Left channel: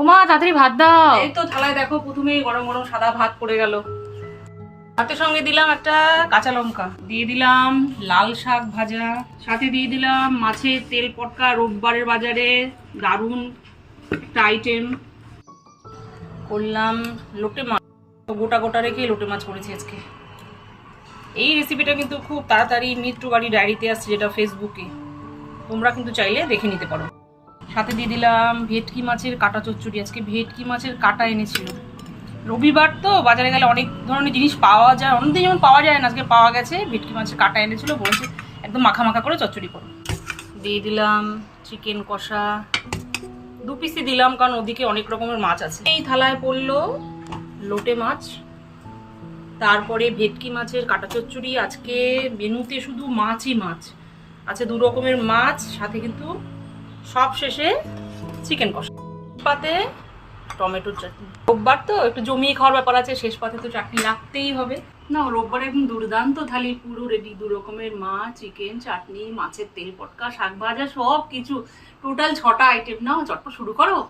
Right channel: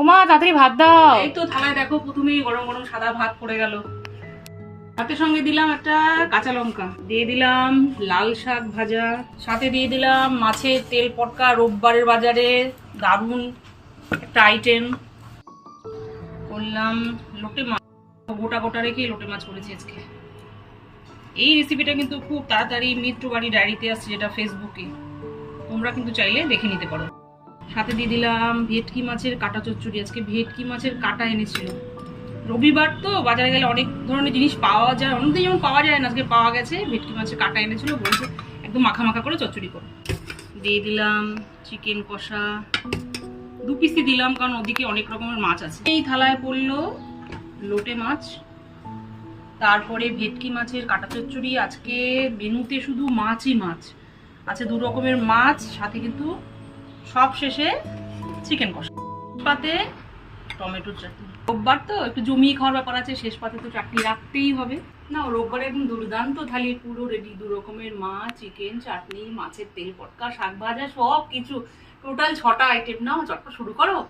ওমা তাড়াতাড়ি ভাত দাও। এই তো থালায় দেখো প্রথমেই গরম গরম সাদা ভাত পড়ে গেল। ভাতের সঙ্গে দিলাম একটা কাঁচা লঙ্কা, দিয়ে দিলাম লাল শাক ভাজা, সাথে দিয়ে দিলাম মাছের তেল পটকা, রোববারের বাজারে দারুণ একটা আইটেম করলাম। লোটে মাছ গোটা গোটা রেখে লোটে মাছ করেছি আজকে। এই রেসিপিটা কিন্তু খুব তাড়াতাড়ি মিত্র বাড়ি ডায়েরিতে আসছে, যেটা ফেসবুকে, তোমরা কিন্তু চাইলে দেখে নিতে পারো। সাথে দিয়ে দিলাম ভেটকি মাছের কাটা চচ্চড়ি। আজকে ভেটকি মাছের কাটা এনেছিল। রবিবার তো বাজারে গেলে অনেক ধরনের জিনিস পাওয়া যায়, অন্যদিন যেমন পাওয়া যায় না, আজকে পাওয়া গেছে। ভেটকি মাছের কাটা এনেছিল, বলেছে একদম মাখা মাখা করে চচ্চড়ি করো। দিয়ে দিলাম চিকেন কষা, 2 পিসই দিলাম কারণ ওদিকে অনেক রকমের মাছ আছে। এই থালায় পড়লো লোটে মাছ, তারপরে ভেটকি মাছের কাটা চচ্চড়ি। আজকে মেনুতে শুধু মাছই মাছ আছে, 2 রকমের মাছ, সাথে কিন্তু সব শেষে চিকেন কষা, পাতে টমেটোর চাটনি। রোববার তো একটু জমিয়ে খাওয়ার ব্যাপার আছে, শেষ পাতে তো চাটনি রাখতেই হবে। না, রোববারে একদম দুর্দান্ত থালি, পুরো রেডি। 2 রকমের মাছ, চিকেন, চাটনি, মাছের তেল পটকা, শাক ভাজা, সব কিছু টোটাল 6টা আইটেম। নাও চটপট শুরু করো।